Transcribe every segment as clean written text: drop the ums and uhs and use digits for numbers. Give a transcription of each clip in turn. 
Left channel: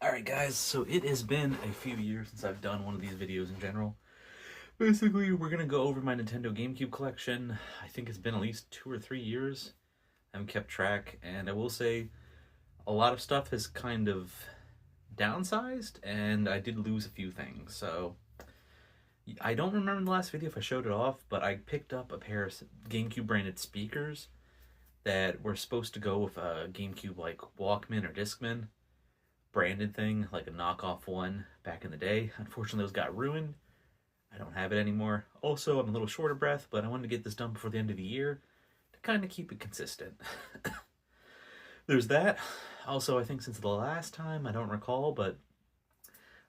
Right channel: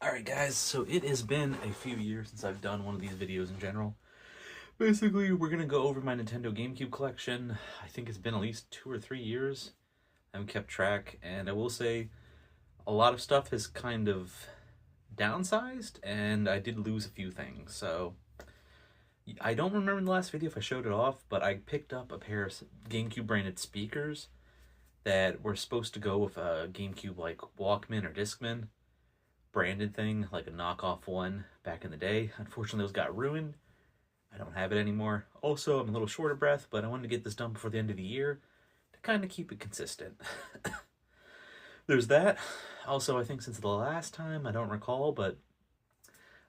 Alright guys, so it has been a few years since I've done one of these videos in general. Basically, we're going to go over my Nintendo GameCube collection. I think it's been at least 2 or 3 years. I haven't kept track, and I will say a lot of stuff has kind of downsized, and I did lose a few things. So I don't remember in the last video if I showed it off, but I picked up a pair of GameCube branded speakers that were supposed to go with a GameCube like Walkman or Discman branded thing, like a knockoff one back in the day. Unfortunately, those got ruined. I don't have it anymore. Also, I'm a little short of breath, but I wanted to get this done before the end of the year to kind of keep it consistent. There's that. Also, I think since the last time, I don't recall, but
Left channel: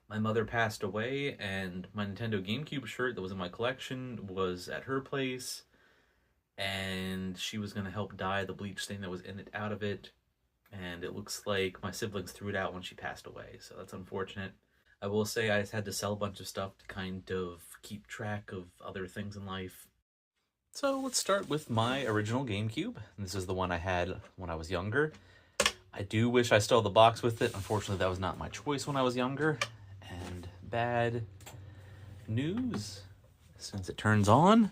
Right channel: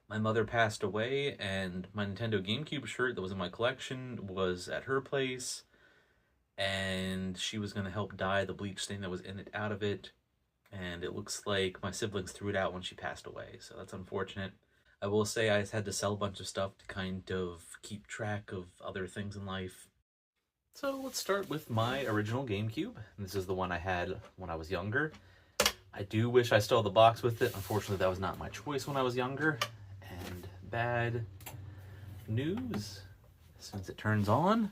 my mother passed away, and my Nintendo GameCube shirt that was in my collection was at her place, and she was going to help dye the bleach stain that was in it out of it. And it looks like my siblings threw it out when she passed away, so that's unfortunate. I will say I had to sell a bunch of stuff to kind of keep track of other things in life. So let's start with my original GameCube. This is the one I had when I was younger. I do wish I still had the box with it. Unfortunately, that was not my choice when I was younger. And bad news, since it turns on.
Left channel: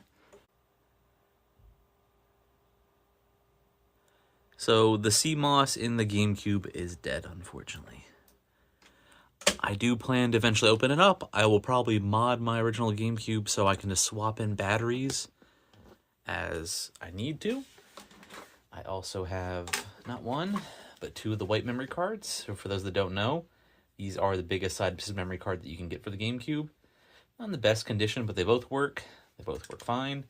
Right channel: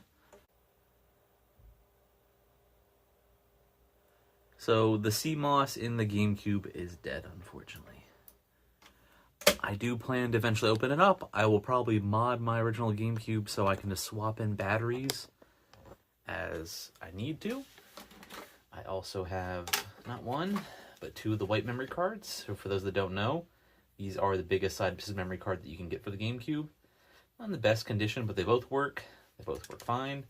So the CMOS in the GameCube is dead, unfortunately. I do plan to eventually open it up. I will probably mod my original GameCube so I can just swap in batteries as I need to. I also have not one, but 2 of the white memory cards. So for those that don't know, these are the biggest side piece of memory card that you can get for the GameCube. Not in the best condition, but they both work. They both work fine.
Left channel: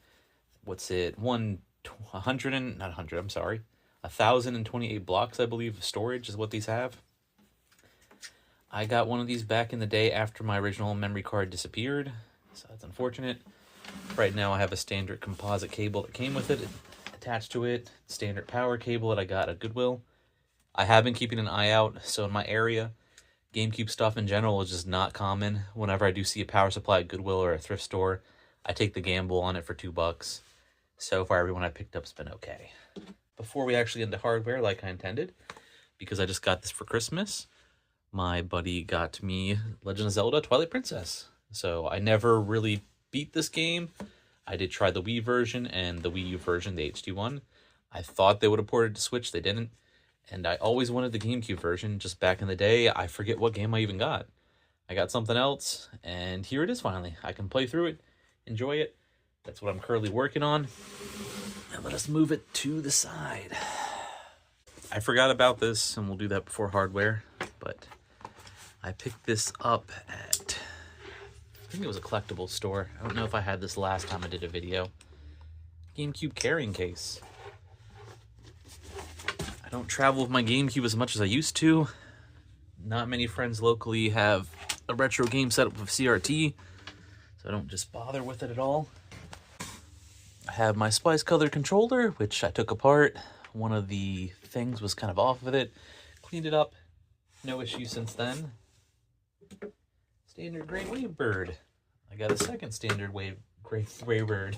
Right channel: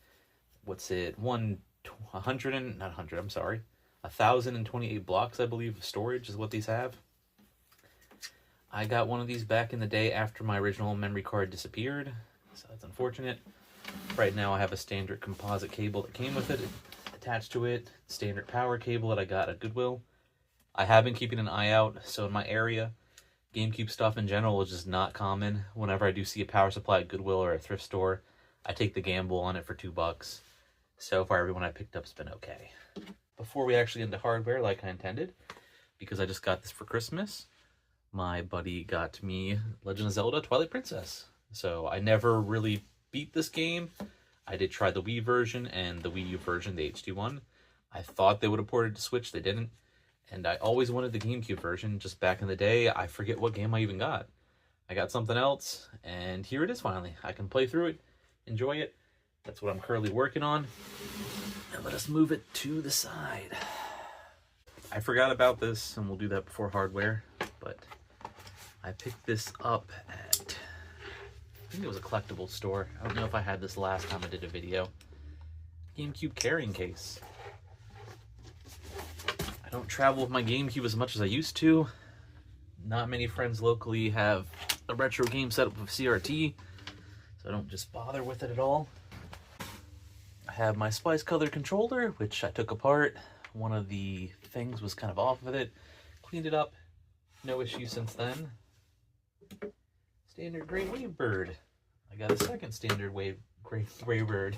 What's it? 1,028 blocks, I believe, of storage is what these have. I got one of these back in the day after my original memory card disappeared, so that's unfortunate. Right now I have a standard composite cable that came with it attached to it, standard power cable that I got at Goodwill. I have been keeping an eye out, so in my area, GameCube stuff in general is just not common. Whenever I do see a power supply at Goodwill or a thrift store, I take the gamble on it for $2. So far, everyone I picked up's been okay. Before we actually get into hardware like I intended, because I just got this for Christmas, my buddy got me Legend of Zelda Twilight Princess. So I never really beat this game. I did try the Wii version and the Wii U version, the HD one. I thought they would have ported to Switch, they didn't. And I always wanted the GameCube version just back in the day. I forget what game I even got. I got something else, and here it is finally. I can play through it, enjoy it. That's what I'm currently working on. And let us move it to the side. I forgot about this, and we'll do that before hardware, but I picked this up at, I think it was a collectibles store. I don't know if I had this last time I did a video. GameCube carrying case. I don't travel with my GameCube as much as I used to. Not many friends locally have a retro game setup with CRT, so I don't just bother with it at all. I have my Spice Color controller, which I took apart. One of the things was kind of off with it. Cleaned it up. No issues since then. Standard gray Wavebird. I got a second standard gray Wavebird.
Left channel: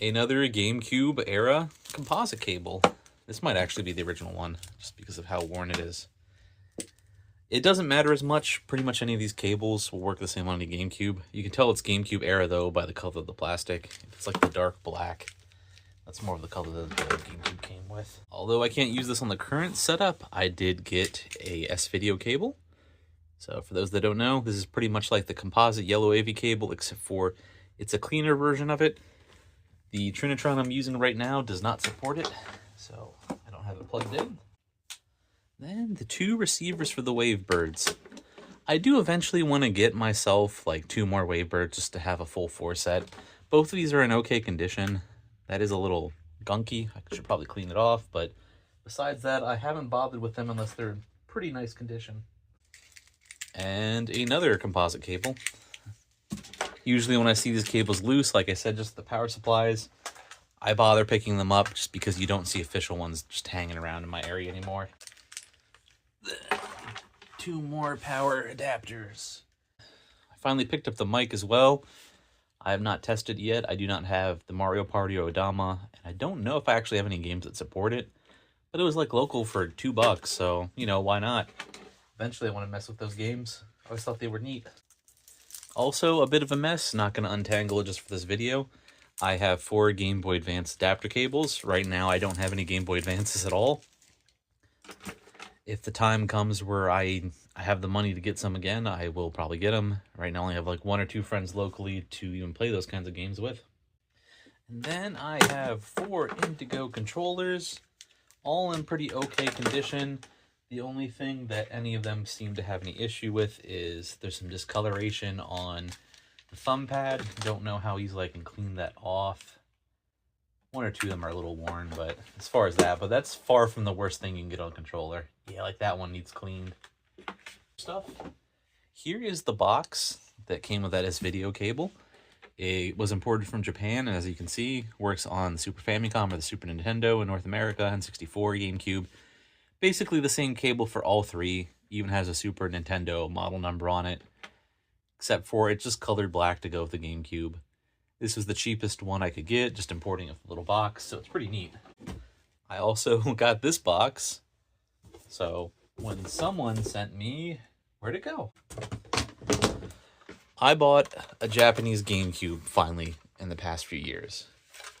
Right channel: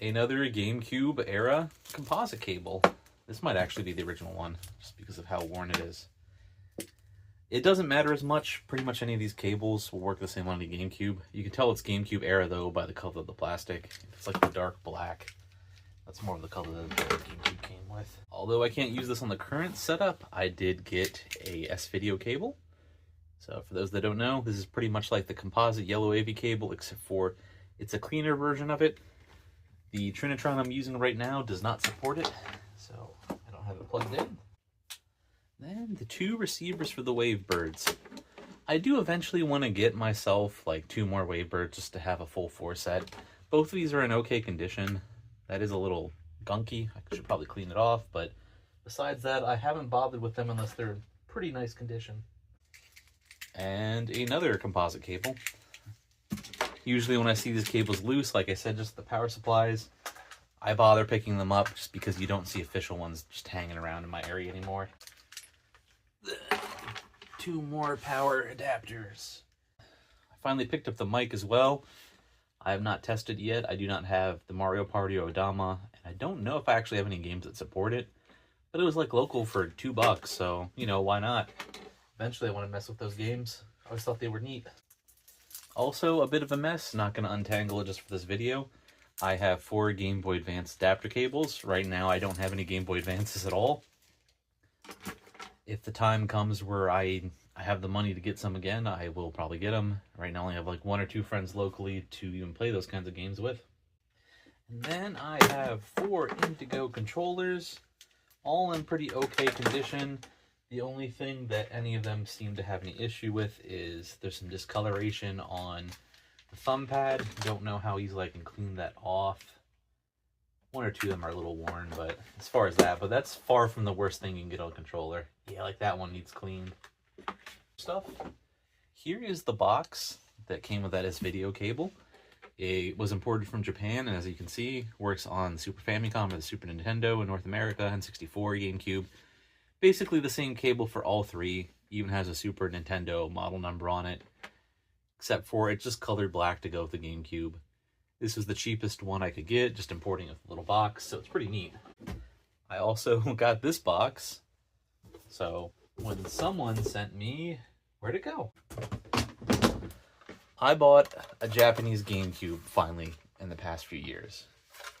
Another GameCube era composite cable. This might actually be the original one, just because of how worn it is. It doesn't matter as much. Pretty much any of these cables will work the same on the GameCube. You can tell it's GameCube era, though, by the color of the plastic. It's like the dark black. That's more of the color that the GameCube came with. Although I can't use this on the current setup, I did get a S-Video cable. So for those that don't know, this is pretty much like the composite yellow AV cable, except for it's a cleaner version of it. The Trinitron I'm using right now does not support it, so I don't have it plugged in. Then the 2 receivers for the Wavebirds. I do eventually want to get myself like 2 more Wavebirds just to have a full 4 set. Both of these are in okay condition. That is a little gunky. I should probably clean it off, but besides that, I haven't bothered with them unless they're in pretty nice condition. And another composite cable. Usually when I see these cables loose, like I said, just the power supplies, I bother picking them up just because you don't see official ones just hanging around in my area anymore. 2 more power adapters. I finally picked up the mic as well. I have not tested yet. I do not have the Mario Party or Odama, and I don't know if I actually have any games that support it. But it was like local for $2, so, you know, why not? Eventually I want to mess with those games. I always thought they were neat. Also, a bit of a mess, not going to untangle it just for this video. I have 4 Game Boy Advance adapter cables. Right now I don't have any Game Boy Advances at all. If the time comes where I have the money to get some again, I will probably get them. Right now I only have like 1 or 2 friends locally to even play those kinds of games with. And then I have 4 Indigo controllers, all in pretty okay condition. The only thing that any of them seem to have any issue with is there's some discoloration on the thumb pad. Don't know how easily I can clean that off. 1 or 2 of them are a little worn, but as far as that, but that's far from the worst thing you can get on a controller. Yeah, like that one needs cleaned. Stuff. Here is the box that came with that S-Video cable. It was imported from Japan, and as you can see, works on the Super Famicom or the Super Nintendo in North America, N64, GameCube. Basically the same cable for all 3, even has a Super Nintendo model number on it, except for it's just colored black to go with the GameCube. This is the cheapest one I could get, just importing a little box, so it's pretty neat. I also got this box, so when someone sent me, where'd it go? I bought a Japanese GameCube finally in the past few years.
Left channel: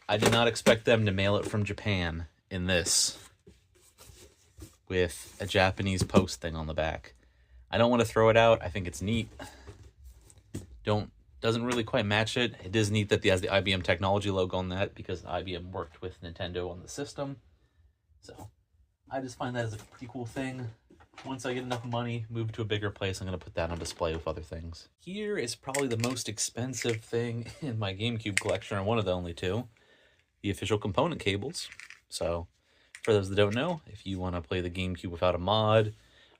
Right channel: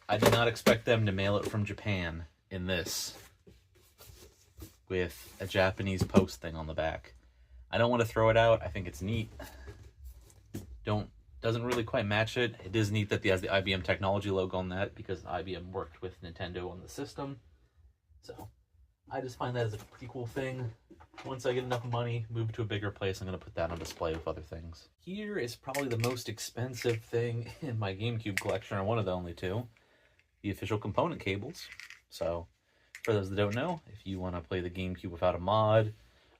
I did not expect them to mail it from Japan in this, with a Japanese post thing on the back. I don't want to throw it out. I think it's neat. Doesn't really quite match it. It is neat that it has the IBM technology logo on that because IBM worked with Nintendo on the system. So I just find that as a pretty cool thing. Once I get enough money, move to a bigger place, I'm going to put that on display with other things. Here is probably the most expensive thing in my GameCube collection, or one of the only 2. The official component cables. So for those that don't know, if you want to play the GameCube without a mod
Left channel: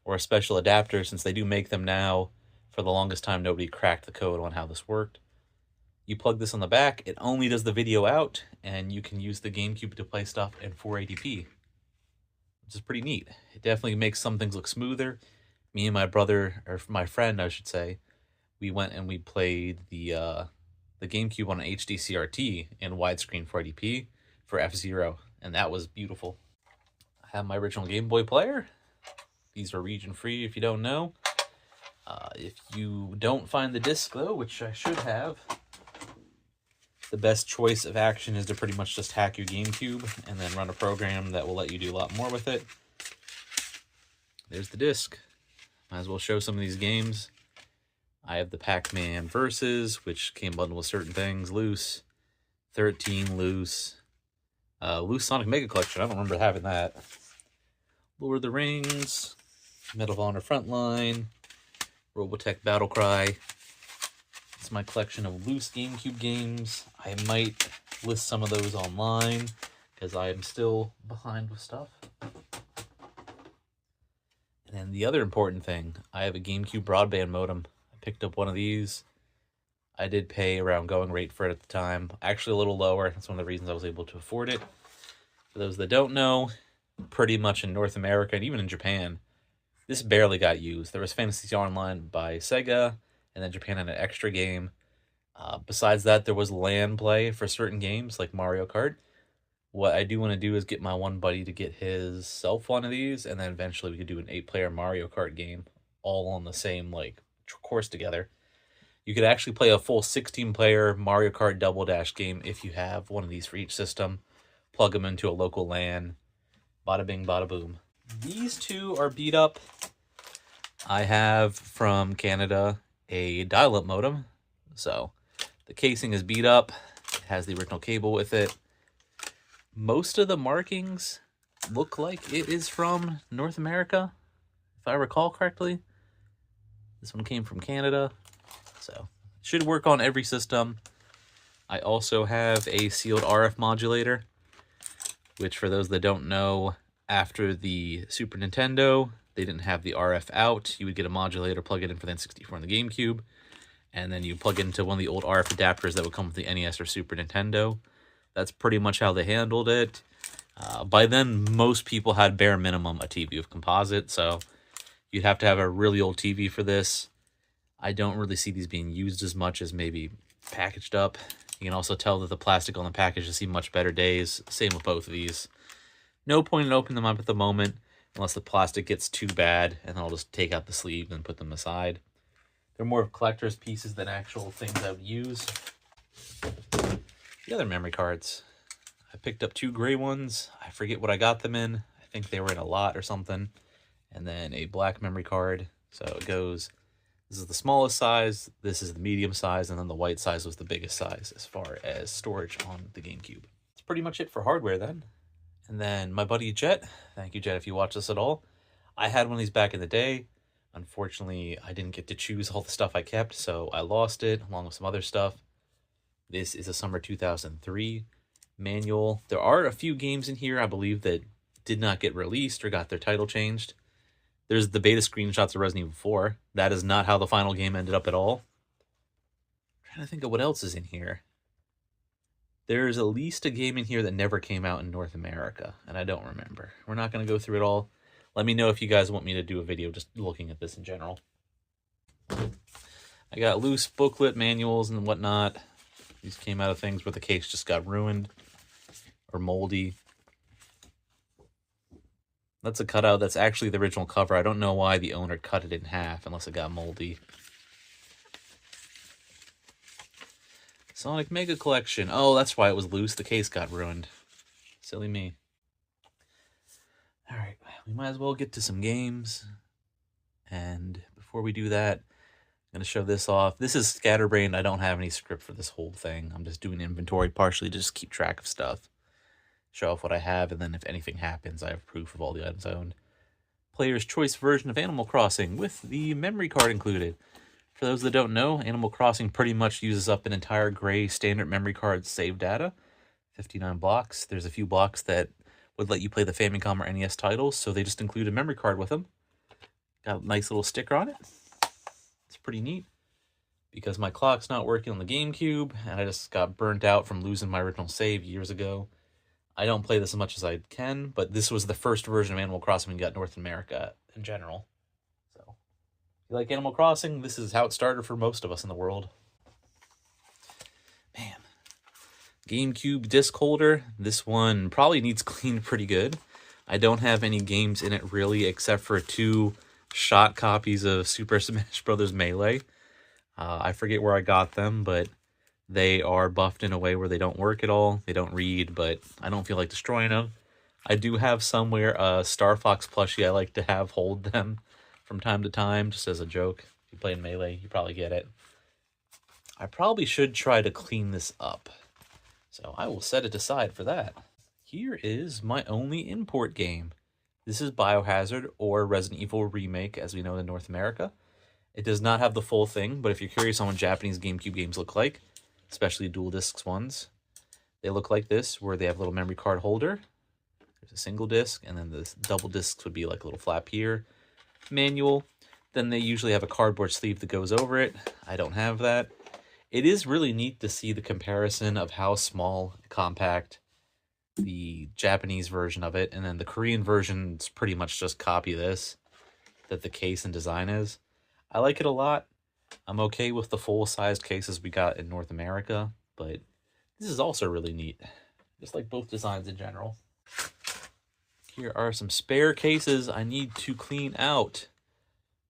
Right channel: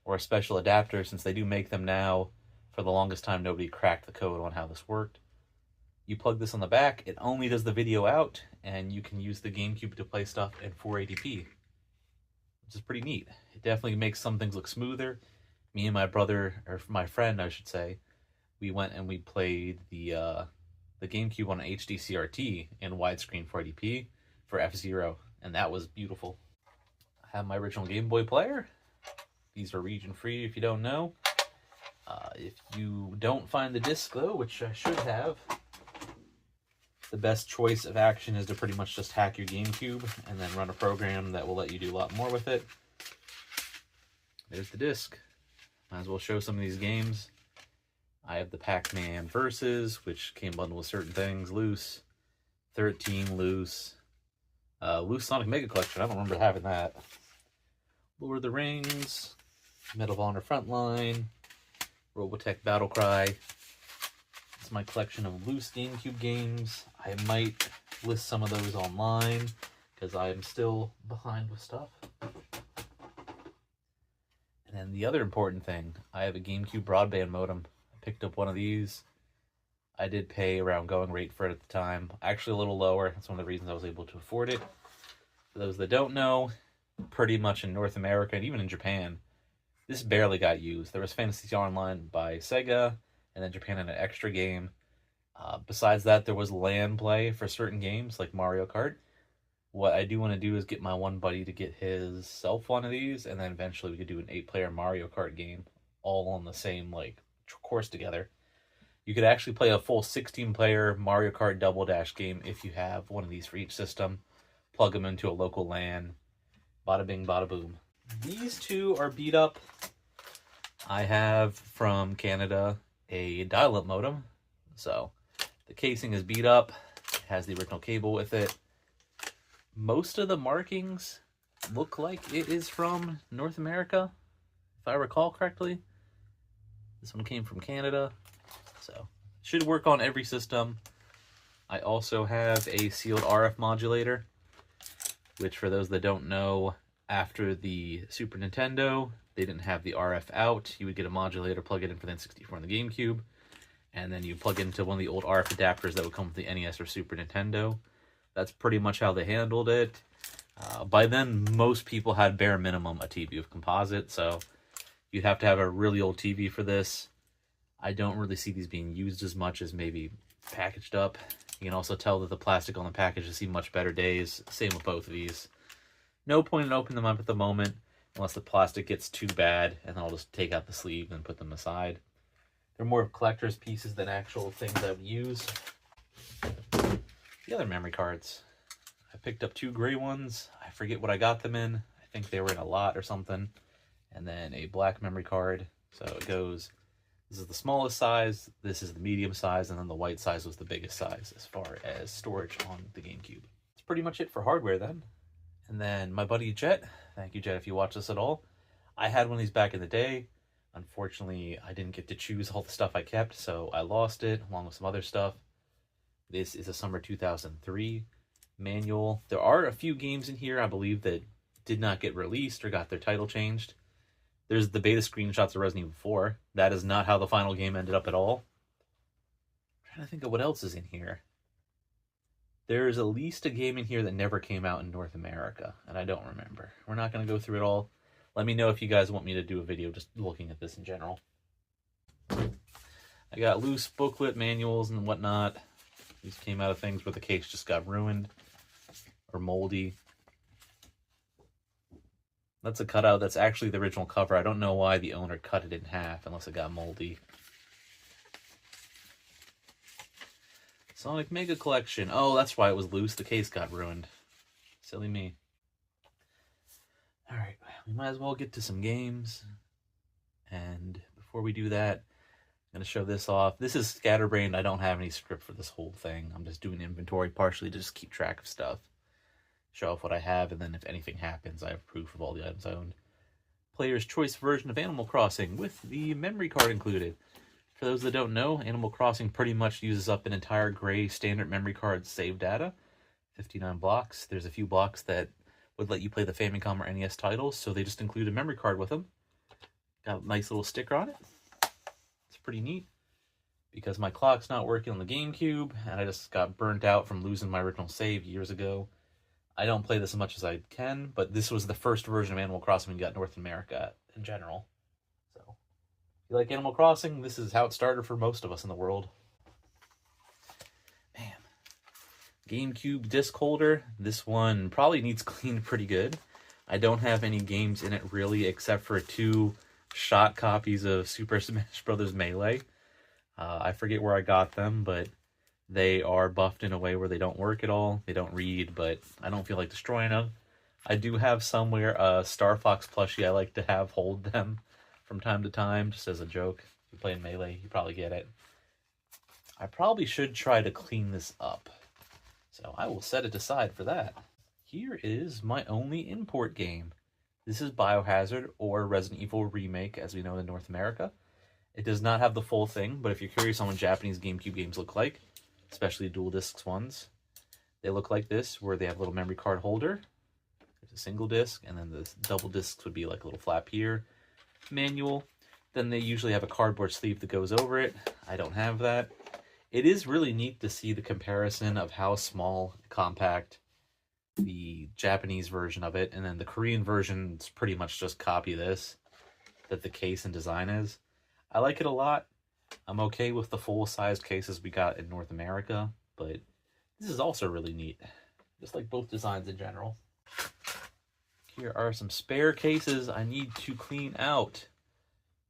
or a special adapter, since they do make them now, for the longest time nobody cracked the code on how this worked. You plug this on the back, it only does the video out, and you can use the GameCube to play stuff in 480p, which is pretty neat. It definitely makes some things look smoother. Me and my brother, or my friend I should say, we went and we played the GameCube on an HD CRT in widescreen 480p for F-Zero, and that was beautiful. I have my original Game Boy player. These are region-free if you don't know. If you don't find the disc though, which I should have, the best choice of action is to pretty much just hack your GameCube and then run a program that will let you do a lot more with it. There's the disc. Might as well show some of these games. I have the Pac-Man Versus, which came bundled with certain things. Loose. 13 Loose. Loose Sonic Mega Collection. I don't remember having that. Lord of the Rings. Medal of Honor Frontline. Robotech Battlecry. It's my collection of loose GameCube games. I might list some of those online because I am still behind with stuff. And then the other important thing, I have a GameCube broadband modem. I picked up one of these. I did pay around going rate for it at the time. Actually a little lower. That's one of the reasons I was able to afford it. For those that don't know, pretty much in North America and even in Japan, this barely got used. There was Fantasy Star Online by Sega, and then Japan had an extra game. Besides that, there was LAN play for certain games, like Mario Kart. What I do want to do is get my one buddy to get himself one of these, and then eventually we could do an 8-player Mario Kart game, all on the same, like, course together. You could actually play a full 16-player Mario Kart Double Dash game if you have one of these for each system. Plug them into a local LAN. Bada bing, bada boom. These 2 are beat up. I have from Canada a dial-up modem. So the casing is beat up. It has the original cable with it. Most of the markings look like it is from North America, if I recall correctly. This one came from Canada. So it should work on every system. I also have a sealed RF modulator, which for those that don't know, after the Super Nintendo, they didn't have the RF out. You would get a modulator, plug it in for the N64 and the GameCube, and then you plug it into one of the old RF adapters that would come with the NES or Super Nintendo. That's pretty much how they handled it. By then, most people had bare minimum a TV with composite, so you'd have to have a really old TV for this. I don't really see these being used as much as maybe packaged up. You can also tell that the plastic on the package has seen much better days. Same with both of these. No point in opening them up at the moment. unless the plastic gets too bad, and then I'll just take out the sleeve and put them aside. They're more of collector's pieces than actual things I would use. The other memory cards. I picked up 2 gray ones. I forget what I got them in. I think they were in a lot or something. And then a black memory card. So it goes, this is the smallest size, this is the medium size, and then the white size was the biggest size as far as storage on the GameCube. That's pretty much it for hardware then. And then my buddy Jet, thank you Jet if you watch this at all. I had one of these back in the day. Unfortunately, I didn't get to choose all the stuff I kept, so I lost it along with some other stuff. This is a summer 2003 manual. There are a few games in here, I believe, that did not get released or got their title changed. There's the beta screenshots of Resident Evil 4. That is not how the final game ended up at all. I'm trying to think of what else is in here. There's at least a game in here that never came out in North America, and I don't remember. We're not going to go through it all. Let me know if you guys want me to do a video just looking at this in general. I got loose booklet manuals and whatnot. These came out of things where the case just got ruined or moldy. That's a cutout. That's actually the original cover. I don't know why the owner cut it in half unless it got moldy. Sonic Mega Collection. Oh, that's why it was loose. The case got ruined. Silly me. Alright, we might as well get to some games. And before we do that, I'm going to show this off. This is scatterbrained. I don't have any script for this whole thing. I'm just doing inventory partially to just keep track of stuff. Show off what I have, and then if anything happens, I have proof of all the items I owned. Player's choice version of Animal Crossing with the memory card included. For those that don't know, Animal Crossing pretty much uses up an entire gray standard memory card save data. 59 blocks. There's a few blocks that would let you play the Famicom or NES titles, so they just include a memory card with them. Got a nice little sticker on it. It's pretty neat. Because my clock's not working on the GameCube, and I just got burnt out from losing my original save years ago. I don't play this as much as I can, but this was the first version of Animal Crossing we got in North America in general. So, if you like Animal Crossing, this is how it started for most of us in the world. Man. GameCube disc holder. This one probably needs cleaned pretty good. I don't have any games in it really, except for 2 shot copies of Super Smash Bros. Melee. I forget where I got them, but they are buffed in a way where they don't work at all. They don't read, but I don't feel like destroying them. I do have somewhere a Star Fox plushie I like to have hold them from time to time, just as a joke. If you play in Melee, you probably get it. I probably should try to clean this up. So I will set it aside for that. Here is my only import game. This is Biohazard, or Resident Evil Remake, as we know in North America. It does not have the full thing, but if you're curious on what Japanese GameCube games look like, especially dual discs ones, they look like this, where they have a little memory card holder. There's a single disc, and then the double discs would be like a little flap here. Manual. Then they usually have a cardboard sleeve that goes over it. I don't have that. It is really neat to see the comparison of how small, compact the Japanese version of it, and then the Korean version is pretty much just copy this, that the case and design is. I like it a lot. I'm okay with the full-sized cases we got in North America, but this is also really neat. Just like both designs in general. Here are some spare cases I need to clean out.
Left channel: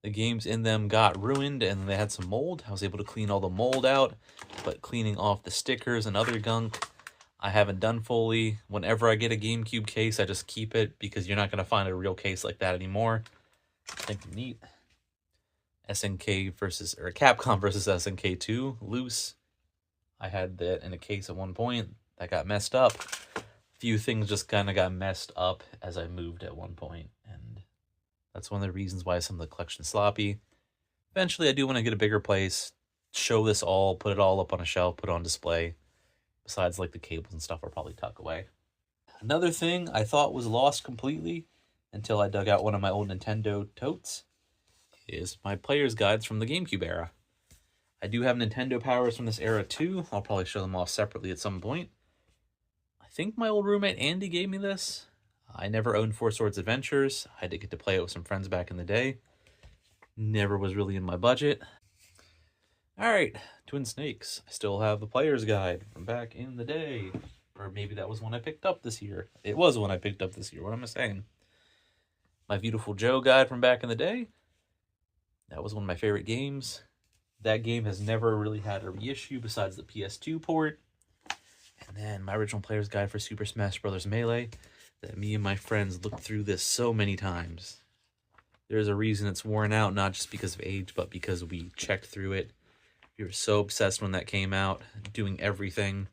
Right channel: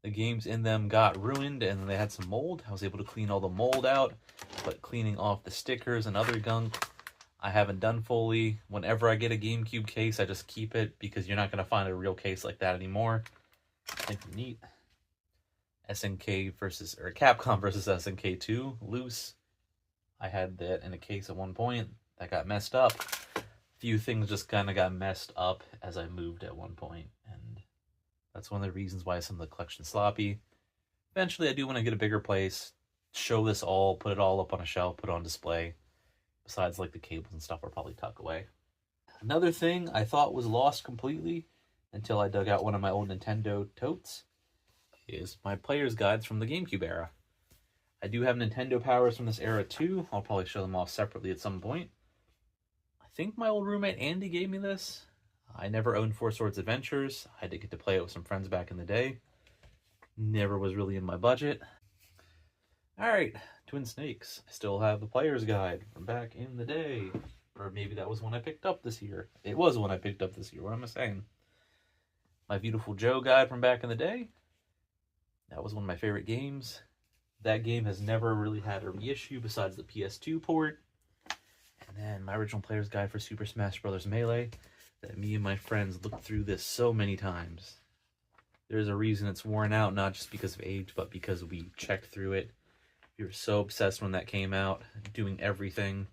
The games in them got ruined and they had some mold. I was able to clean all the mold out, but cleaning off the stickers and other gunk, I haven't done fully. Whenever I get a GameCube case, I just keep it because you're not going to find a real case like that anymore. I think neat. SNK versus, or Capcom versus SNK 2, loose. I had that in a case at one point. That got messed up. A few things just kind of got messed up as I moved at one point, and that's one of the reasons why some of the collection's sloppy. Eventually, I do want to get a bigger place, show this all, put it all up on a shelf, put it on display. Besides, like, the cables and stuff, I'll probably tuck away. Another thing I thought was lost completely until I dug out one of my old Nintendo totes is my player's guides from the GameCube era. I do have Nintendo powers from this era too. I'll probably show them off separately at some point. I think my old roommate Andy gave me this. I never owned Four Swords Adventures. I did get to play it with some friends back in the day. Never was really in my budget. Alright, Twin Snakes. I still have the player's guide from back in the day. Or maybe that was one I picked up this year. It was one I picked up this year. What am I saying? My Beautiful Joe guide from back in the day. That was one of my favorite games. That game has never really had a reissue besides the PS2 port. And then my original player's guide for Super Smash Bros. Melee, that me and my friends looked through this so many times. There's a reason it's worn out, not just because of age, but because we checked through it. We were so obsessed when that came out, doing everything.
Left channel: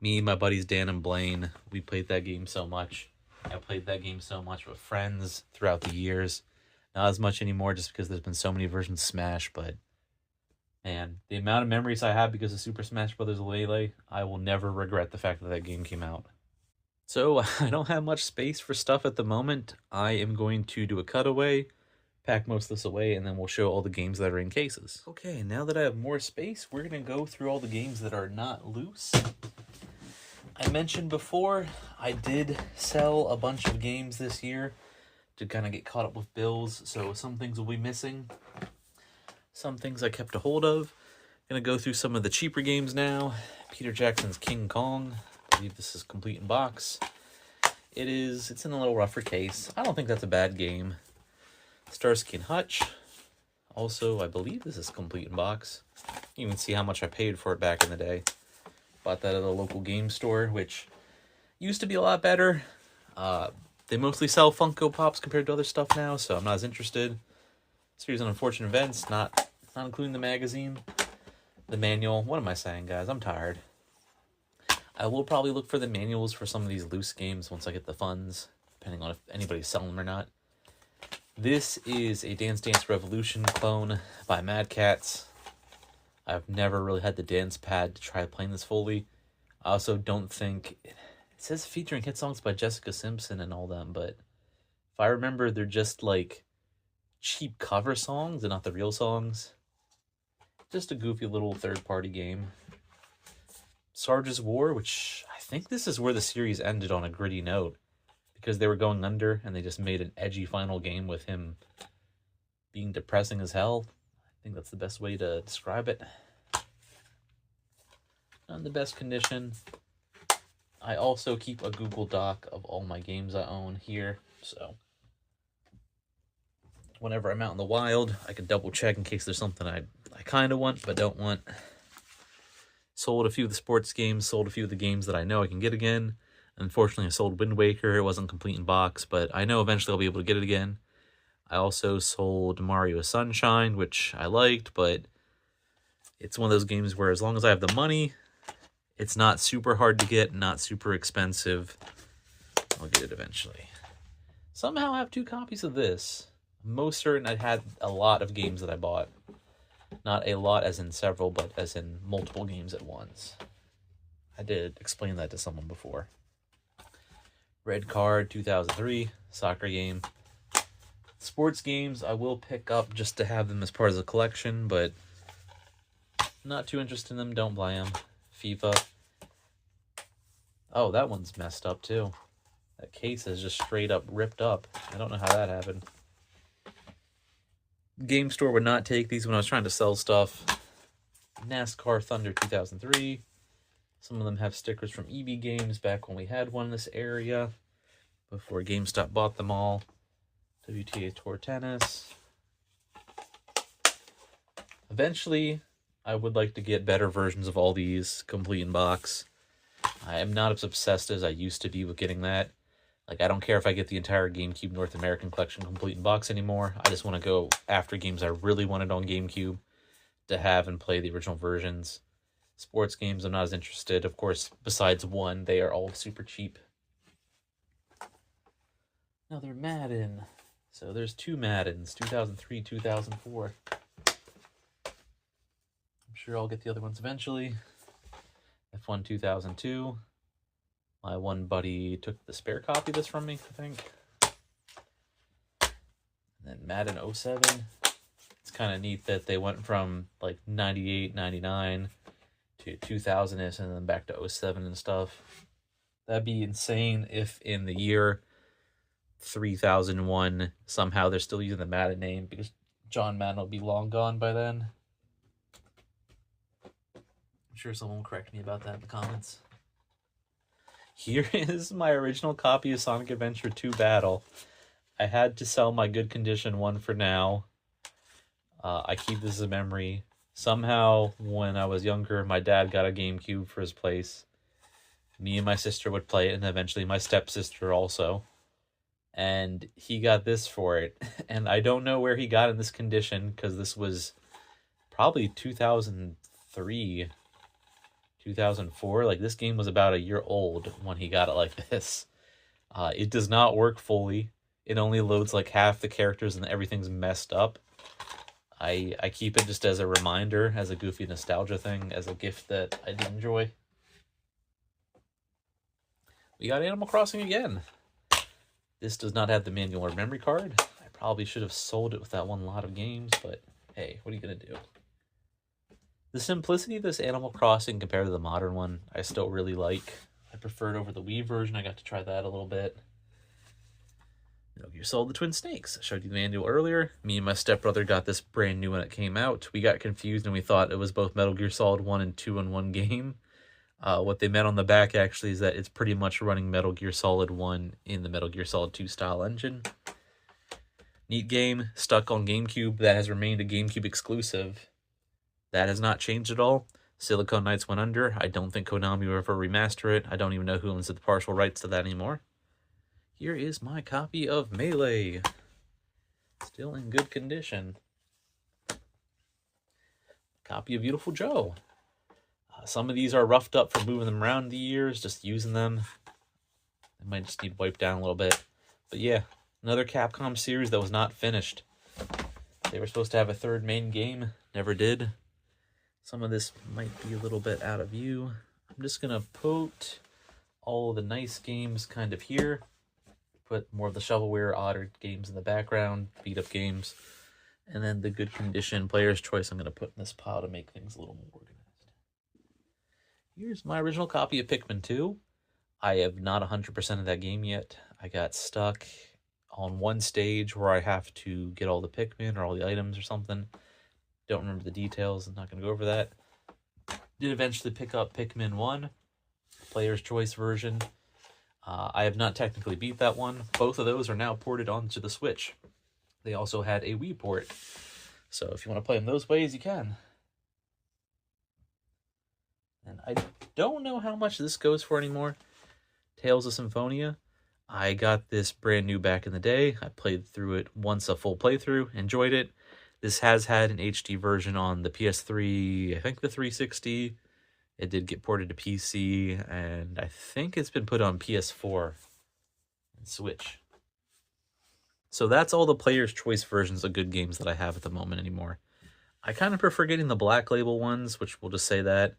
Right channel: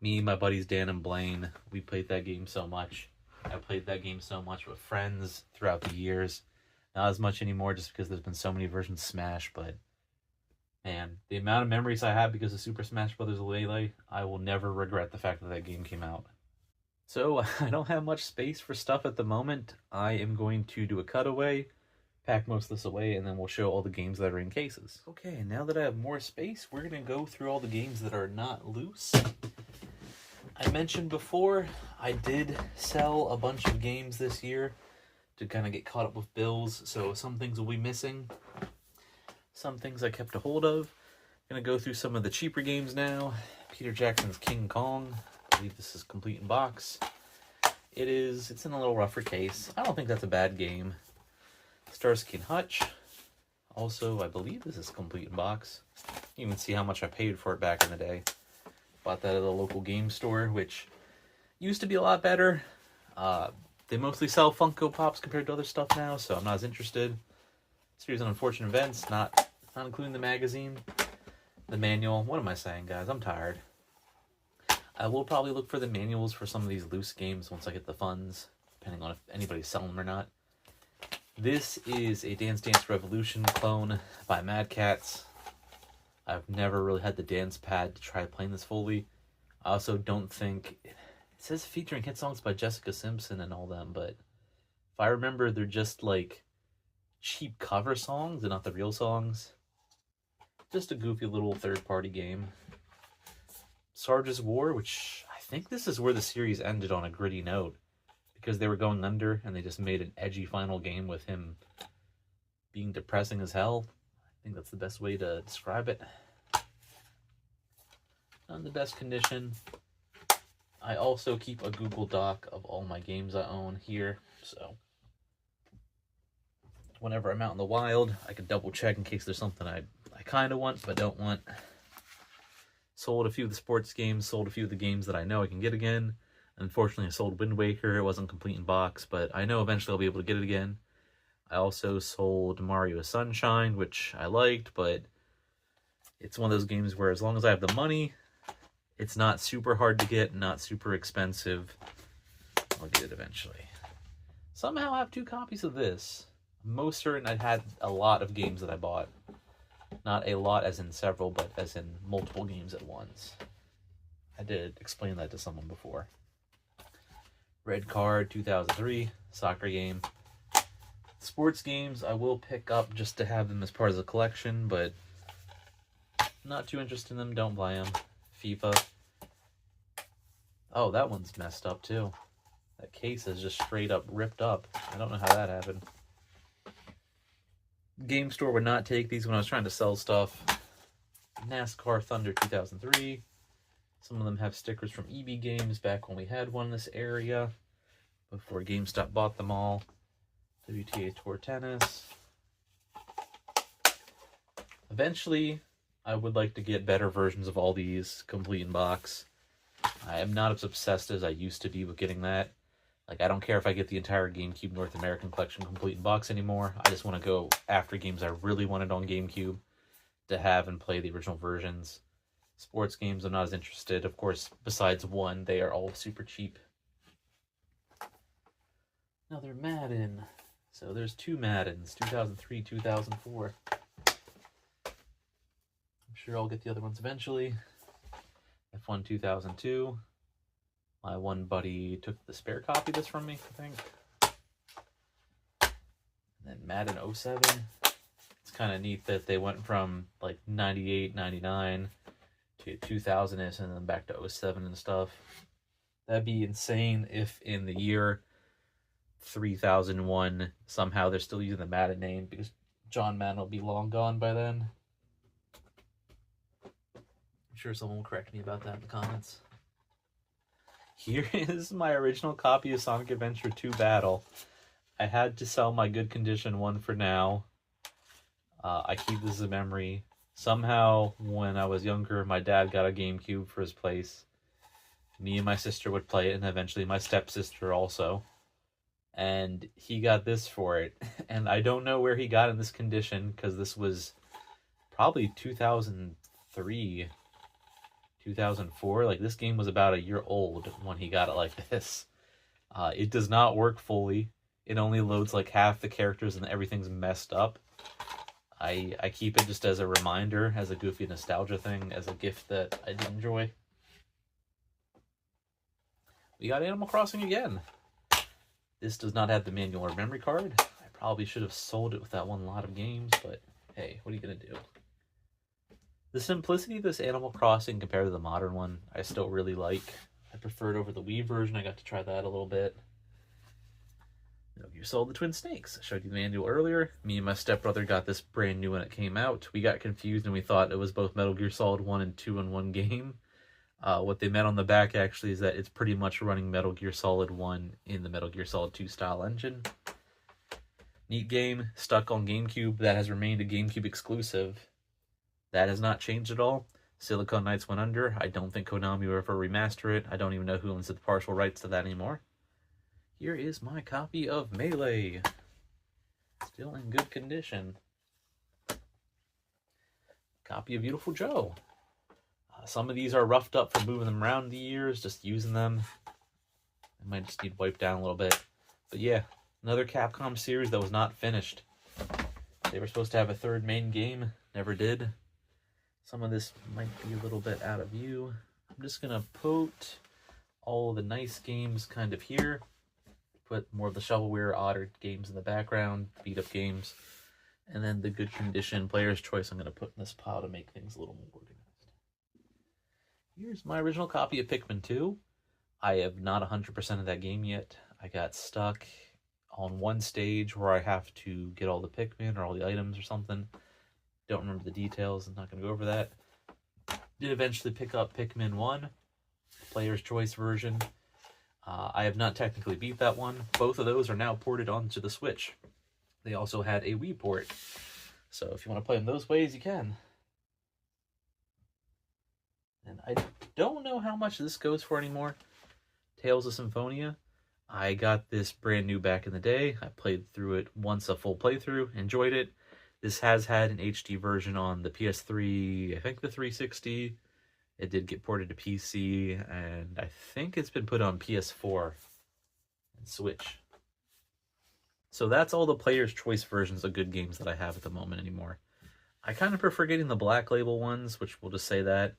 Me, my buddies Dan and Blaine, we played that game so much. I played that game so much with friends throughout the years. Not as much anymore just because there's been so many versions of Smash, but man, the amount of memories I have because of Super Smash Bros. Melee, I will never regret the fact that that game came out. So, I don't have much space for stuff at the moment. I am going to do a cutaway, pack most of this away, and then we'll show all the games that are in cases. Okay, now that I have more space, we're going to go through all the games that are not loose. I mentioned before, I did sell a bunch of games this year to kind of get caught up with bills, so some things will be missing. Some things I kept a hold of. Gonna go through some of the cheaper games now. Peter Jackson's King Kong. I believe this is complete in box. It's in a little rougher case. I don't think that's a bad game. Starsky and Hutch. Also, I believe this is complete in box. You can see how much I paid for it back in the day. Bought that at a local game store, which used to be a lot better. They mostly sell Funko Pops compared to other stuff now, so I'm not as interested. Series of Unfortunate Events, not including the magazine. The manual. What am I saying, guys? I'm tired. I will probably look for the manuals for some of these loose games once I get the funds, depending on if anybody's selling them or not. This is a Dance Dance Revolution clone by Mad Cats. I've never really had the dance pad to try playing this fully. I also don't think... It says featuring hit songs by Jessica Simpson and all them, but if I remember, they're just like cheap cover songs and not the real songs. Just a goofy little third-party game. Sarge's War, which I think this is where the series ended on a gritty note, because they were going under and they just made an edgy final game with him being depressing as hell. I think that's the best way to describe it. Not in the best condition. I also keep a Google Doc of all my games I own here, so whenever I'm out in the wild, I can double check in case there's something I kind of want but don't want. Sold a few of the sports games, sold a few of the games that I know I can get again. Unfortunately, I sold Wind Waker. It wasn't complete in box, but I know eventually I'll be able to get it again. I also sold Mario Sunshine, which I liked, but it's one of those games where as long as I have the money, it's not super hard to get, not super expensive. I'll get it eventually. Somehow I have 2 copies of this. I'm most certain I had a lot of games that I bought. Not a lot as in several, but as in multiple games at once. I did explain that to someone before. Red Card 2003, soccer game. Sports games I will pick up just to have them as part of the collection, but not too interested in them, don't buy them. FIFA. Oh, that one's messed up too. That case is just straight up ripped up. I don't know how that happened. Game store would not take these when I was trying to sell stuff. NASCAR Thunder 2003. Some of them have stickers from EB Games back when we had one in this area, before GameStop bought them all. WTA Tour Tennis. Eventually, I would like to get better versions of all these complete in box. I am not as obsessed as I used to be with getting that. Like, I don't care if I get the entire GameCube North American collection complete in box anymore. I just want to go after games I really wanted on GameCube to have and play the original versions. Sports games, I'm not as interested. Of course, besides one, they are all super cheap. Another Madden. So there's 2 Maddens, 2003, 2004. I'm sure I'll get the other ones eventually. F1 2002. My one buddy took the spare copy of this from me, I think. And then Madden 07. It's kind of neat that they went from like 98, 99 to 2000 and then back to 07 and stuff. That'd be insane if in the year 3001 somehow they're still using the Madden name, because John Madden will be long gone by then. I'm sure someone will correct me about that in the comments. Here is my original copy of Sonic Adventure 2 Battle. I had to sell my good condition one for now. I keep this as a memory. Somehow, when I was younger, my dad got a GameCube for his place. Me and my sister would play it, and eventually my stepsister also. And he got this for it. And I don't know where he got in this condition, because this was probably 2003, 2004. Like, this game was about a year old when he got it like this. It does not work fully. It only loads like half the characters and everything's messed up. I keep it just as a reminder, as a goofy nostalgia thing, as a gift that I did enjoy. We got Animal Crossing again. This does not have the manual or memory card. I probably should have sold it with that one lot of games, but hey, what are you going to do? The simplicity of this Animal Crossing compared to the modern one, I still really like. I prefer it over the Wii version. I got to try that a little bit. Metal Gear Solid: The Twin Snakes. I showed you the manual earlier. Me and my stepbrother got this brand new when it came out. We got confused and we thought it was both Metal Gear Solid 1 and 2 in one game. What they meant on the back actually is that it's pretty much running Metal Gear Solid 1 in the Metal Gear Solid 2 style engine. Neat game, stuck on GameCube. That has remained a GameCube exclusive. That has not changed at all. Silicon Knights went under. I don't think Konami will ever remaster it. I don't even know who owns the partial rights to that anymore. Here is my copy of Melee. Still in good condition. Copy of Beautiful Joe. Some of these are roughed up from moving them around the years, just using them. I might just need wiped down a little bit. But yeah, another Capcom series that was not finished. They were supposed to have a third main game, never did. Some of this might be a little bit out of view. I'm just going to put all of the nice games kind of here. Put more of the shovelware, odder games in the background, beat-up games. And then the good condition player's choice I'm going to put in this pile to make things a little more organized. Here's my original copy of Pikmin 2. I have not 100% of that game yet. I got stuck on one stage where I have to get all the Pikmin or all the items or something. Don't remember the details. I'm not going to go over that. Did eventually pick up Pikmin 1, player's choice version. I have not technically beat that one. Both of those are now ported onto the Switch. They also had a Wii port. So if you want to play them those ways, you can. And I don't know how much this goes for anymore. Tales of Symphonia. I got this brand new back in the day. I played through it once, a full playthrough, enjoyed it. This has had an HD version on the PS3, I think the 360. It did get ported to PC, and I think it's been put on PS4 and Switch. So that's all the player's choice versions of good games that I have at the moment anymore. I kind of prefer getting the Black Label ones, which we'll just say that.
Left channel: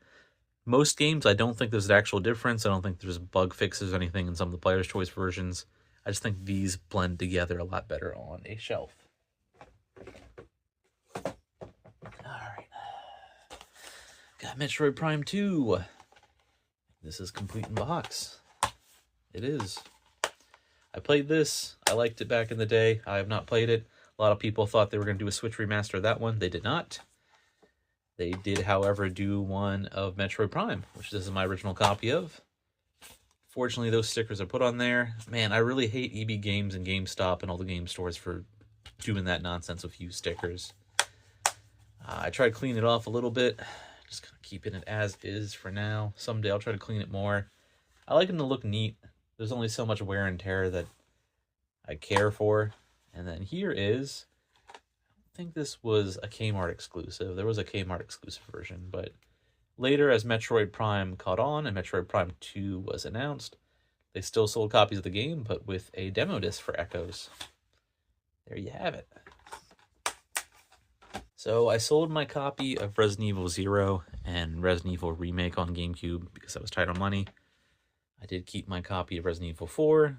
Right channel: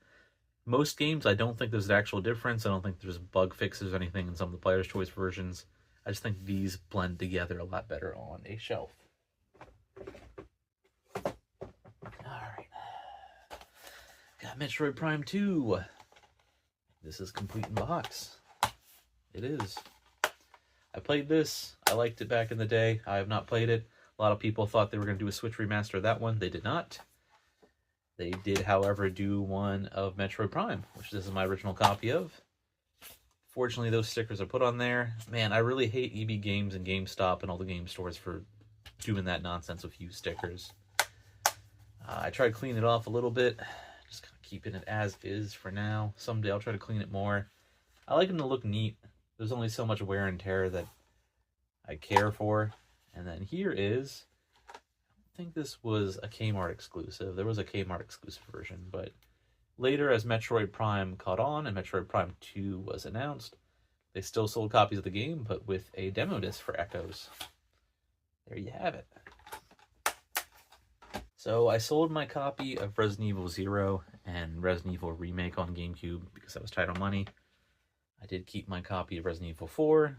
Most games, I don't think there's an actual difference. I don't think there's bug fixes or anything in some of the player's choice versions. I just think these blend together a lot better on a shelf. Got Metroid Prime 2. This is complete in box. It is. I played this. I liked it back in the day. I have not played it. A lot of people thought they were going to do a Switch remaster of that one. They did not. They did, however, do one of Metroid Prime, which this is my original copy of. Fortunately, those stickers are put on there. Man, I really hate EB Games and GameStop and all the game stores for doing that nonsense with used stickers. I tried to clean it off a little bit. Just kind of keeping it as is for now. Someday I'll try to clean it more. I like them to look neat. There's only so much wear and tear that I care for. And then here is, I think this was a Kmart exclusive. There was a Kmart exclusive version, but later as Metroid Prime caught on and Metroid Prime 2 was announced, they still sold copies of the game, but with a demo disc for Echoes. There you have it. So I sold my copy of Resident Evil 0 and Resident Evil Remake on GameCube because I was tight on money. I did keep my copy of Resident Evil 4.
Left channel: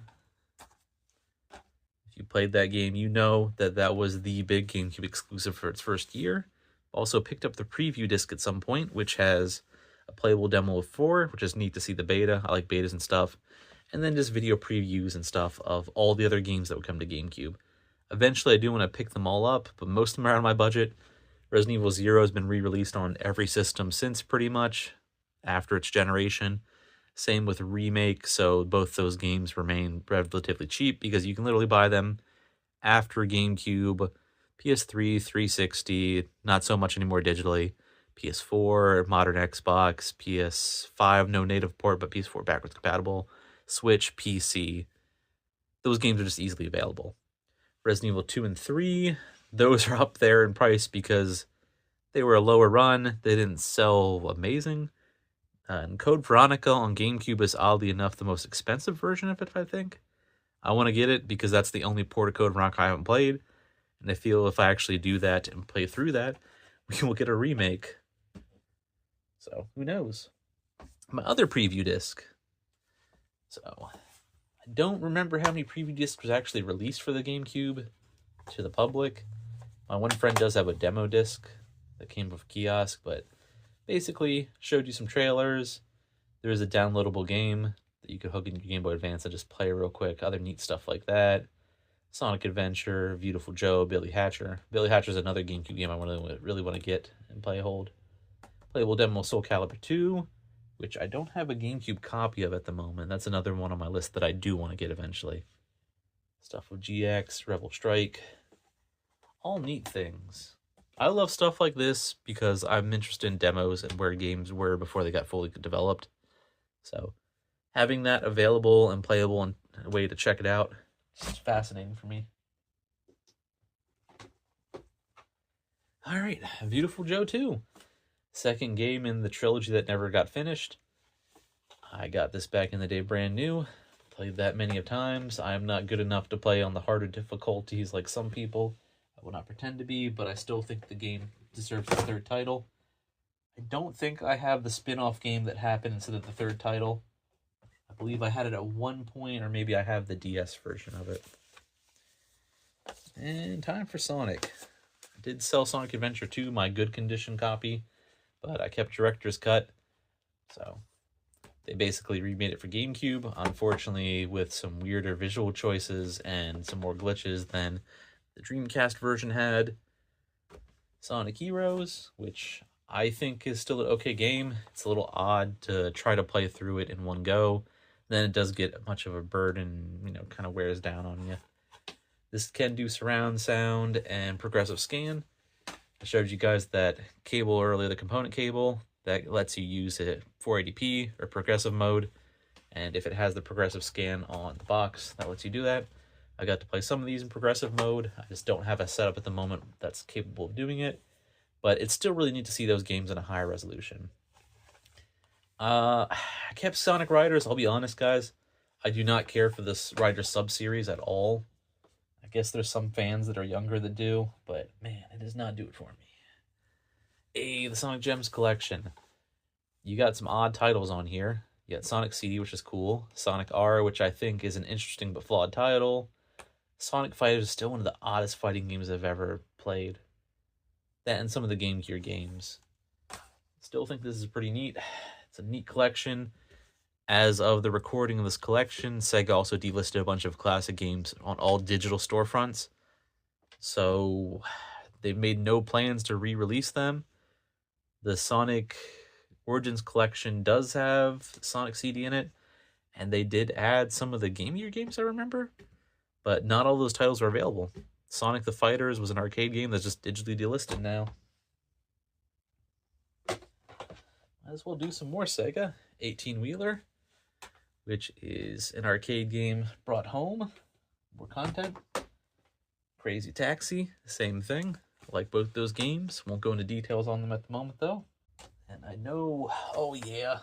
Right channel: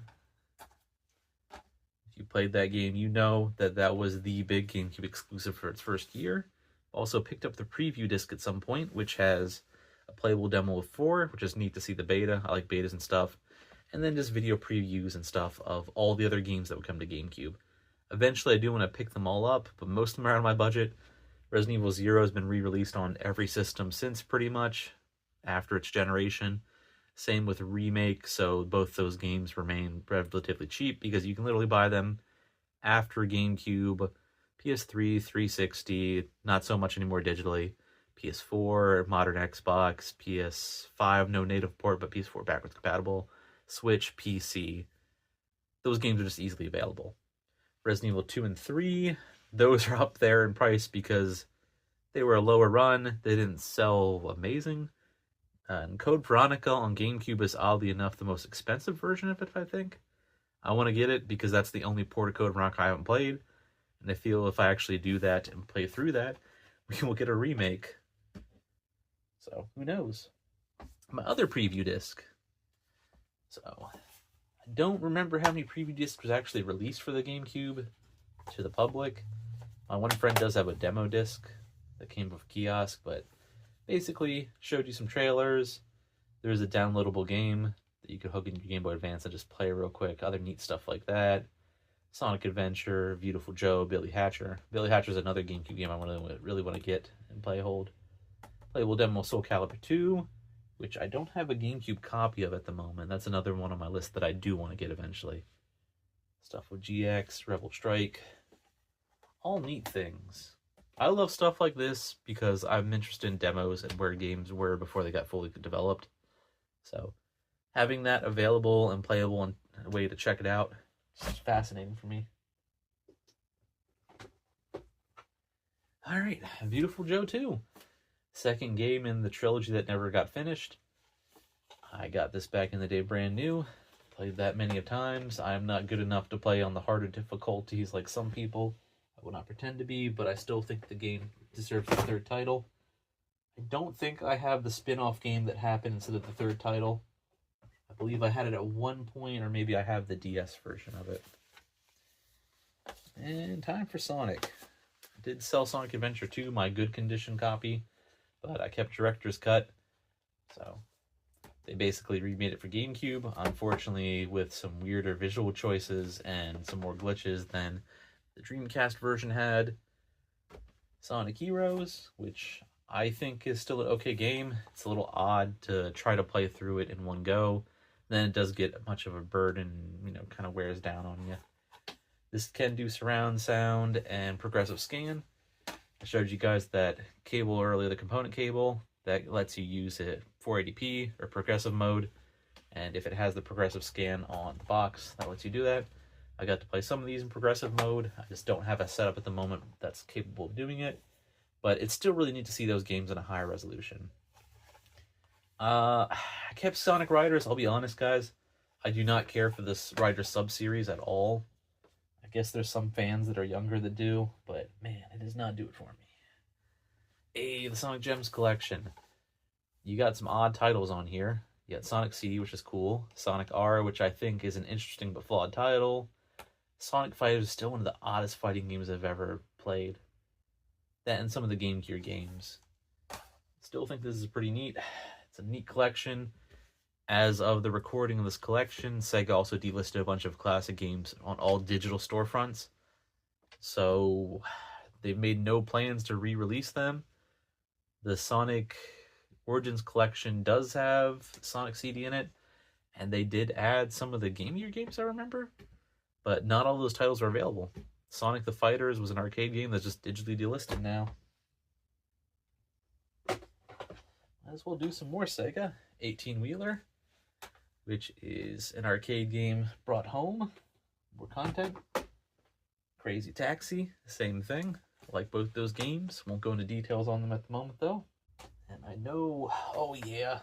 If you played that game, you know that that was the big GameCube exclusive for its first year. Also picked up the preview disc at some point, which has a playable demo of 4, which is neat to see the beta. I like betas and stuff. And then just video previews and stuff of all the other games that would come to GameCube. Eventually, I do want to pick them all up, but most of them are out of my budget. Resident Evil 0 has been re-released on every system since, pretty much, after its generation. Same with Remake, so both those games remain relatively cheap because you can literally buy them after GameCube, PS3, 360, not so much anymore digitally, PS4, modern Xbox, PS5, no native port, but PS4 backwards compatible, Switch, PC. Those games are just easily available. Resident Evil 2 and 3, those are up there in price because they were a lower run. They didn't sell amazing. And Code Veronica on GameCube is oddly enough the most expensive version of it, I think. I want to get it because that's the only port of Code Veronica I haven't played. And I feel if I actually do that and play through that, we will get a remake. So, who knows? My other preview disc. So, I don't remember how many preview discs was actually released for the GameCube to the public. My one friend does have a demo disc that came with a kiosk, but basically showed you some trailers. There's a downloadable game that you could hook into your Game Boy Advance and just play real quick. Other neat stuff like that. Sonic Adventure, Beautiful Joe, Billy Hatcher. Billy Hatcher is another GameCube game I really want to get and play hold. Playable demo Soul Calibur 2, which I don't have a GameCube copy of at the moment. That's another one on my list that I do want to get eventually. Stuff with GX, Rebel Strike. All neat things. I love stuff like this because I'm interested in demos and where games were before they got fully developed. So having that available and playable and a way to check it out is fascinating for me. All right, Beautiful Joe 2. Second game in the trilogy that never got finished. I got this back in the day brand new. Played that many of times. I'm not good enough to play on the harder difficulties like some people. I will not pretend to be, but I still think the game deserves a third title. I don't think I have the spin-off game that happened instead of the third title. I believe I had it at one point, or maybe I have the DS version of it. And time for Sonic. I did sell Sonic Adventure 2, my good condition copy, but I kept Director's Cut. So they basically remade it for GameCube, unfortunately with some weirder visual choices and some more glitches than the Dreamcast version had. Sonic Heroes, which I think is still an okay game. It's a little odd to try to play through it in one go. Then it does get much of a burden, kind of wears down on you. This can do surround sound and progressive scan. I showed you guys that cable earlier, the component cable, that lets you use it 480p or progressive mode. And if it has the progressive scan on the box, that lets you do that. I got to play some of these in progressive mode. I just don't have a setup at the moment that's capable of doing it. But it's still really neat to see those games in a higher resolution. I kept Sonic Riders. I'll be honest, guys. I do not care for this Riders sub-series at all. I guess there's some fans that are younger that do, but man, it does not do it for me. Hey, the Sonic Gems collection. You got some odd titles on here. You got Sonic CD, which is cool. Sonic R, which I think is an interesting but flawed title. Sonic Fighters is still one of the oddest fighting games I've ever played. That and some of the Game Gear games. Still think this is pretty neat. It's a neat collection. As of the recording of this collection, Sega also delisted a bunch of classic games on all digital storefronts. So they've made no plans to re-release them. The Sonic Origins collection does have Sonic CD in it, and they did add some of the Game Gear games I remember, but not all those titles are available. Sonic the Fighters was an arcade game that's just digitally delisted now. Might as well do some more Sega. 18-Wheeler, which is an arcade game brought home. More content. Crazy Taxi, same thing. I like both those games. Won't go into details on them at the moment, though. And I know... Oh, yeah.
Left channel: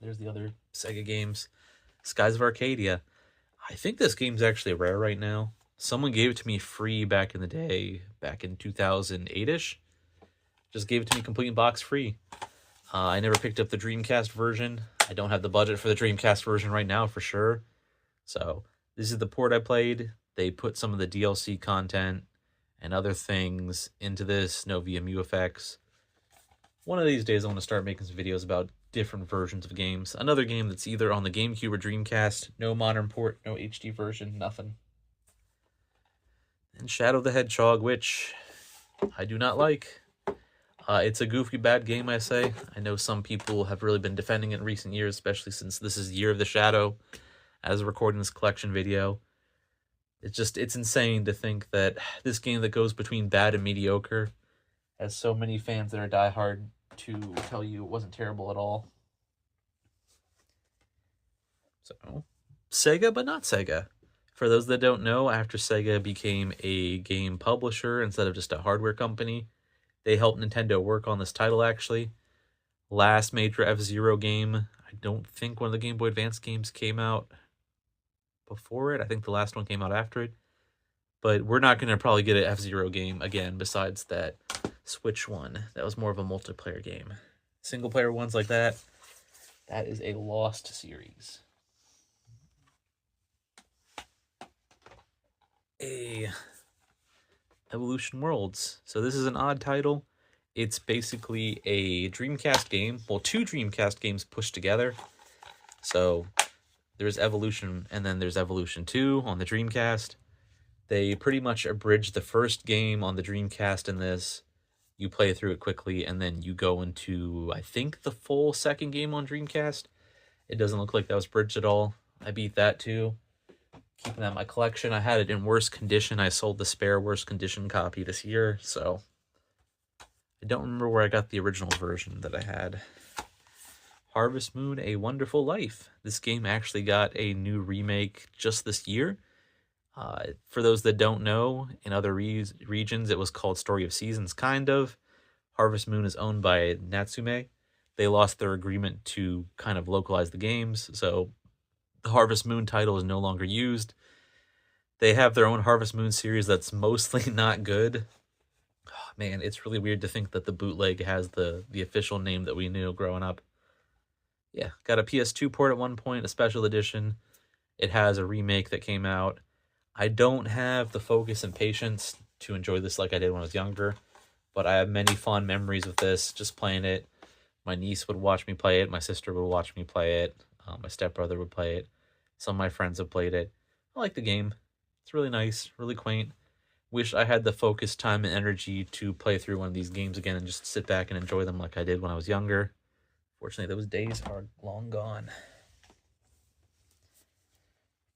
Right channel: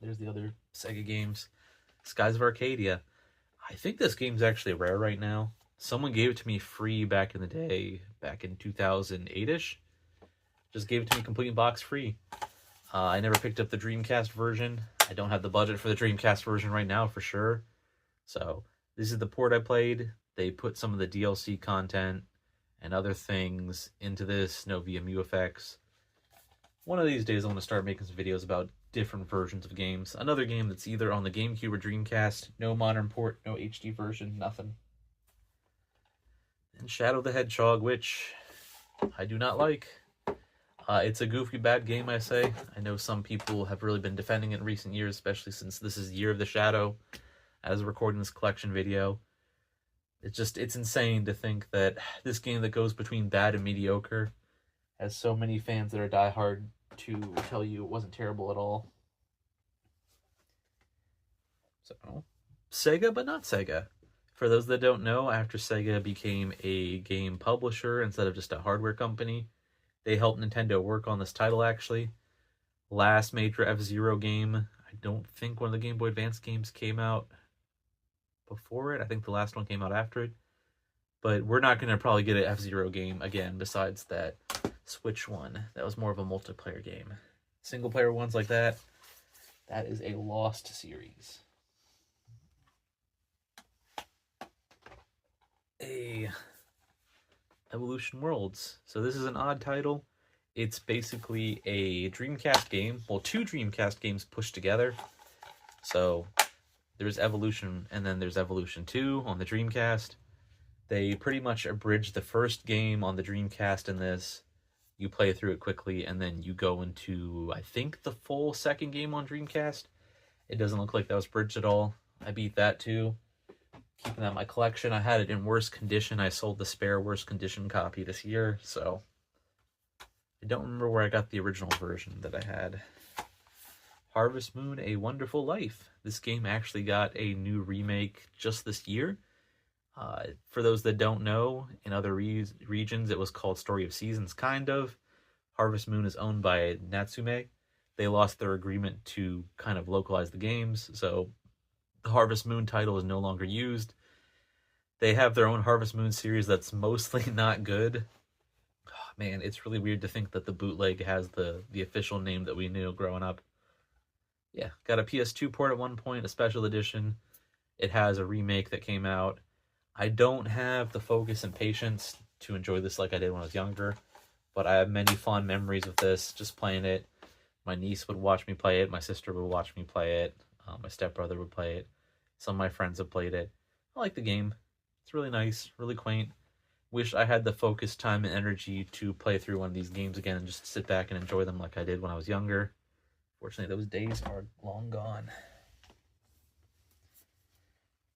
There's the other Sega games. Skies of Arcadia. I think this game's actually rare right now. Someone gave it to me free back in the day, back in 2008-ish. Just gave it to me complete box free. I never picked up the Dreamcast version. I don't have the budget for the Dreamcast version right now for sure. So this is the port I played. They put some of the DLC content and other things into this, no VMU effects. One of these days I'm going to start making some videos about different versions of games. Another game that's either on the GameCube or Dreamcast, no modern port, no HD version, nothing. And Shadow the Hedgehog, which I do not like. It's a goofy, bad game, I say. I know some people have really been defending it in recent years, especially since this is Year of the Shadow, as recording this collection video. It's insane to think that this game that goes between bad and mediocre has so many fans that are diehard to tell you it wasn't terrible at all. So, Sega, but not Sega. For those that don't know, after Sega became a game publisher instead of just a hardware company, they helped Nintendo work on this title actually. Last major F-Zero game, I don't think one of the Game Boy Advance games came out before it. I think the last one came out after it. But we're not going to probably get an F-Zero game again besides that Switch one. That was more of a multiplayer game. Single player ones like that, that is a lost series. Evolution Worlds. So this is an odd title. It's basically a Dreamcast game. Well, two Dreamcast games pushed together. So there's Evolution and then there's Evolution 2 on the Dreamcast. They pretty much abridged the first game on the Dreamcast in this. You play through it quickly and then you go into, I think, the full second game on Dreamcast. It doesn't look like that was bridged at all. I beat that too. Keeping that in my collection. I had it in worse condition. I sold the spare worse condition copy this year, so I don't remember where I got the original version that I had. Harvest Moon: A Wonderful Life. This game actually got a new remake just this year. For those that don't know, in other regions it was called Story of Seasons, kind of. Harvest Moon is owned by Natsume. They lost their agreement to kind of localize the games, so the Harvest Moon title is no longer used. They have their own Harvest Moon series that's mostly not good. Man, it's really weird to think that the bootleg has the official name that we knew growing up. Yeah, got a PS2 port at one point, a special edition. It has a remake that came out. I don't have the focus and patience to enjoy this like I did when I was younger, but I have many fond memories of this, just playing it. My niece would watch me play it. My sister would watch me play it. My stepbrother would play it. Some of my friends have played it. I like the game. It's really nice, really quaint. Wish I had the focus, time, and energy to play through one of these games again and just sit back and enjoy them like I did when I was younger. Fortunately, those days are long gone.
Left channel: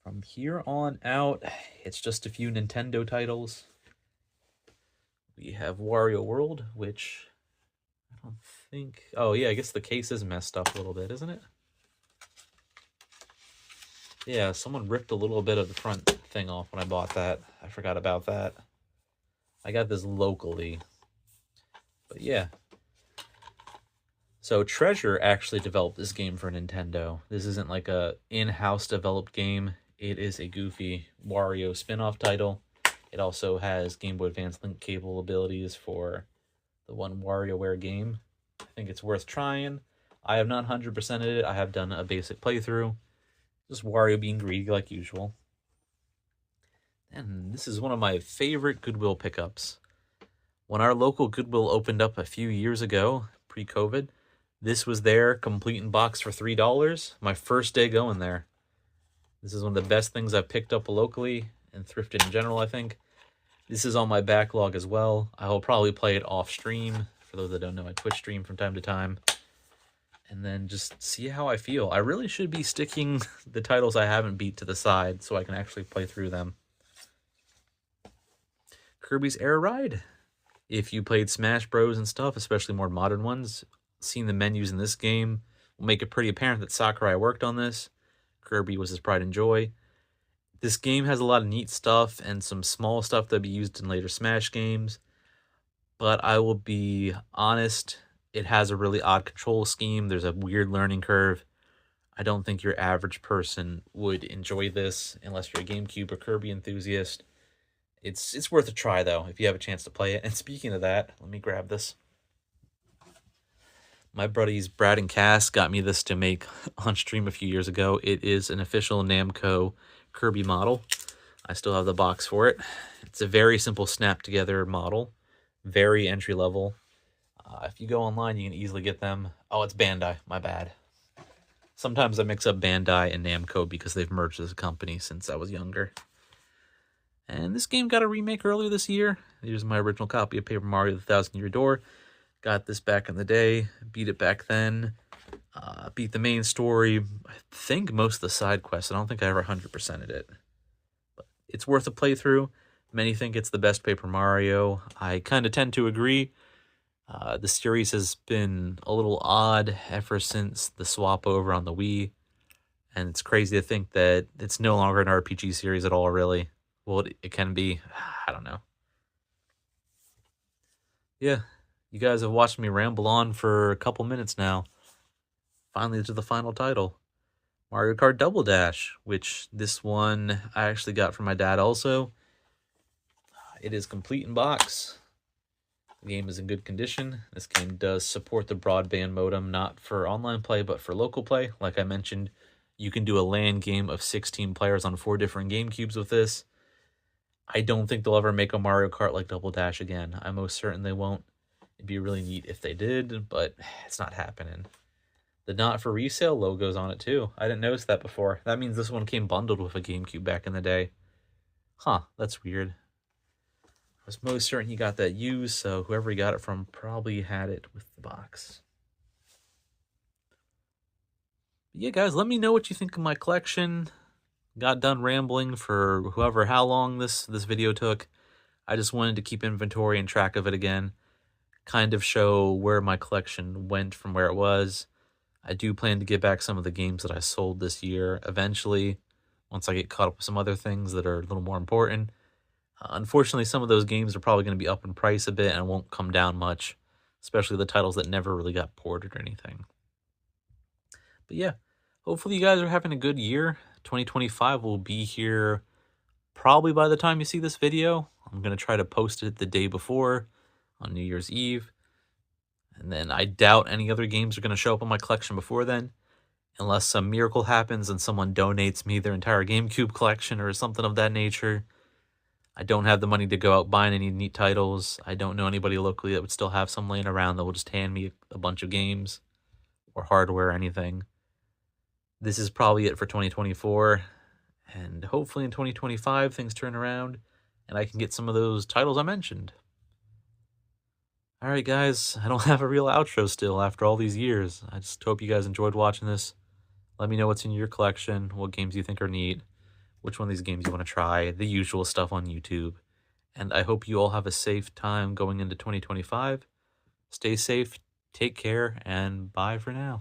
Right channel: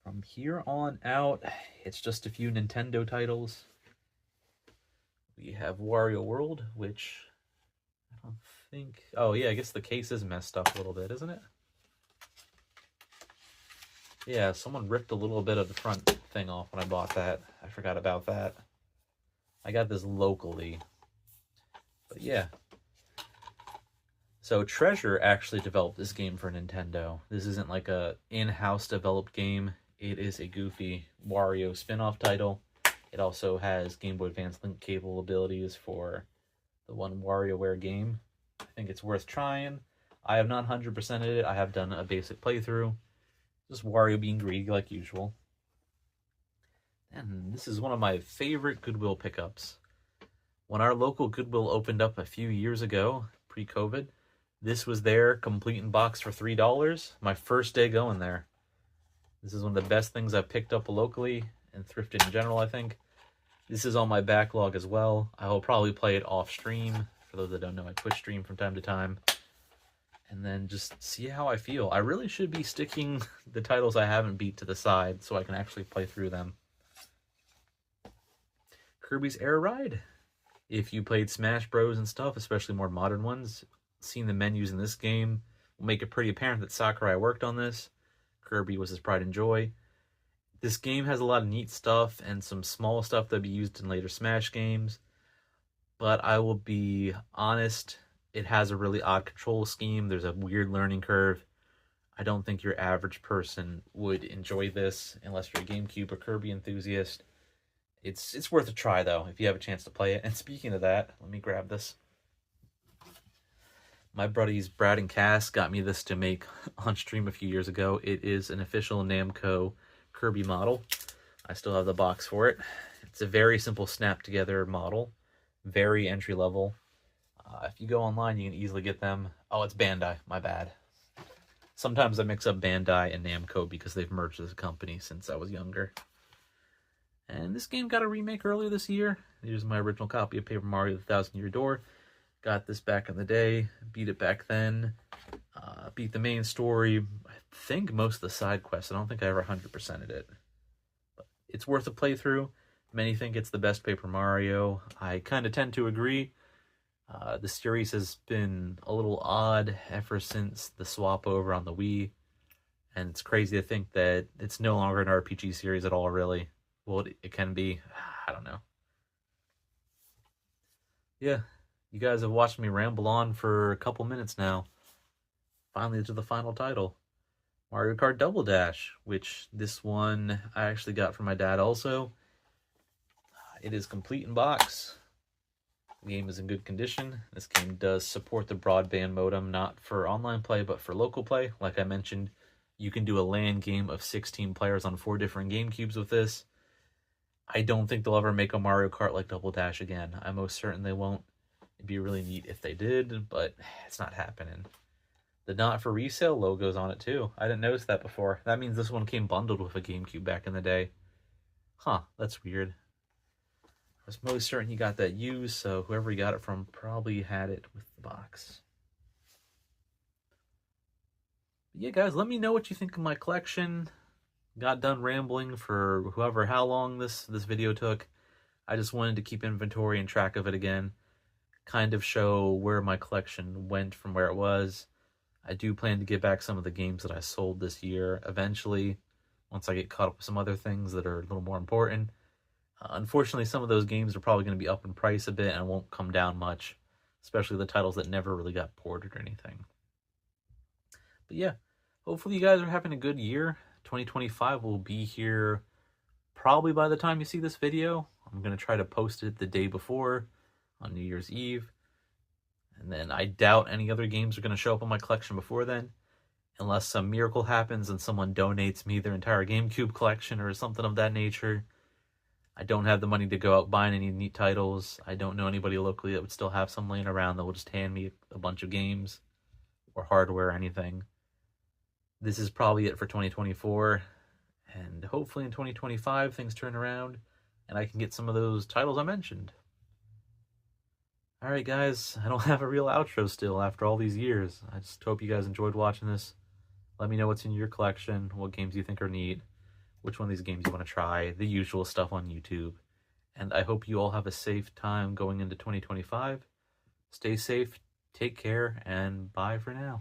From here on out, it's just a few Nintendo titles. We have Wario World, which I don't think... Oh, yeah, I guess the case is messed up a little bit, isn't it? Yeah, someone ripped a little bit of the front thing off when I bought that. I forgot about that. I got this locally. But yeah. So Treasure actually developed this game for Nintendo. This isn't like a in-house developed game. It is a goofy Wario spin-off title. It also has Game Boy Advance link cable abilities for the one WarioWare game. I think it's worth trying. I have not 100%ed it. I have done a basic playthrough. Just Wario being greedy like usual. And this is one of my favorite Goodwill pickups. When our local Goodwill opened up a few years ago, pre-COVID, this was there, complete in box for $3. My first day going there. This is one of the best things I've picked up locally and thrifted in general, I think. This is on my backlog as well. I will probably play it off stream. For those that don't know, I Twitch stream from time to time. And then just see how I feel. I really should be sticking the titles I haven't beat to the side so I can actually play through them. Kirby's Air Ride. If you played Smash Bros. And stuff, especially more modern ones, seeing the menus in this game will make it pretty apparent that Sakurai worked on this. Kirby was his pride and joy. This game has a lot of neat stuff and some small stuff that'll be used in later Smash games. But I will be honest, it has a really odd control scheme. There's a weird learning curve. I don't think your average person would enjoy this unless you're a GameCube or Kirby enthusiast. It's worth a try, though, if you have a chance to play it. And speaking of that, let me grab this. My buddies Brad and Cass got me this to make on stream a few years ago. It is an official Namco Kirby model. I still have the box for it. It's a very simple snap-together model. Very entry-level. If you go online, you can easily get them. Oh, it's Bandai. My bad. Sometimes I mix up Bandai and Namco because they've merged as a company since I was younger. And this game got a remake earlier this year. Here's my original copy of Paper Mario: The Thousand Year Door. Got this back in the day. Beat it back then. Beat the main story. I think most of the side quests. I don't think I ever 100%ed it. But it's worth a playthrough. Many think it's the best Paper Mario. I kind of tend to agree. The series has been a little odd ever since the swap over on the Wii. And it's crazy to think that it's no longer an RPG series at all, really. Well, it can be. I don't know. Yeah, you guys have watched me ramble on for a couple minutes now. Finally to the final title. Mario Kart Double Dash, which this one I actually got from my dad also. It is complete in box. The game is in good condition. This game does support the broadband modem, not for online play, but for local play. Like I mentioned, you can do a LAN game of 16 players on 4 different GameCubes with this. I don't think they'll ever make a Mario Kart like Double Dash again. I'm most certain they won't. It'd be really neat if they did, but it's not happening. The not for resale logo's on it too. I didn't notice that before. That means this one came bundled with a GameCube back in the day. Huh, that's weird. I was most certain he got that used, so whoever he got it from probably had it with the box. But yeah, guys, let me know what you think of my collection. Got done rambling for how long this video took. I just wanted to keep inventory and track of it again. Kind of show where my collection went from where it was. I do plan to get back some of the games that I sold this year eventually, once I get caught up with some other things that are a little more important. Unfortunately, some of those games are probably going to be up in price a bit and won't come down much, especially the titles that never really got ported or anything. But yeah, hopefully you guys are having a good year. 2025 will be here probably by the time you see this video. I'm going to try to post it the day before on New Year's Eve. And then I doubt any other games are going to show up in my collection before then, unless some miracle happens and someone donates me their entire GameCube collection or something of that nature. I don't have the money to go out buying any neat titles. I don't know anybody locally that would still have some laying around that will just hand me a bunch of games or hardware or anything. This is probably it for 2024, and hopefully in 2025 things turn around and I can get some of those titles I mentioned. Alright guys, I don't have a real outro still after all these years. I just hope you guys enjoyed watching this. Let me know what's in your collection, what games you think are neat, which one of these games you want to try, the usual stuff on YouTube. And I hope you all have a safe time going into 2025. Stay safe, take care, and bye for now.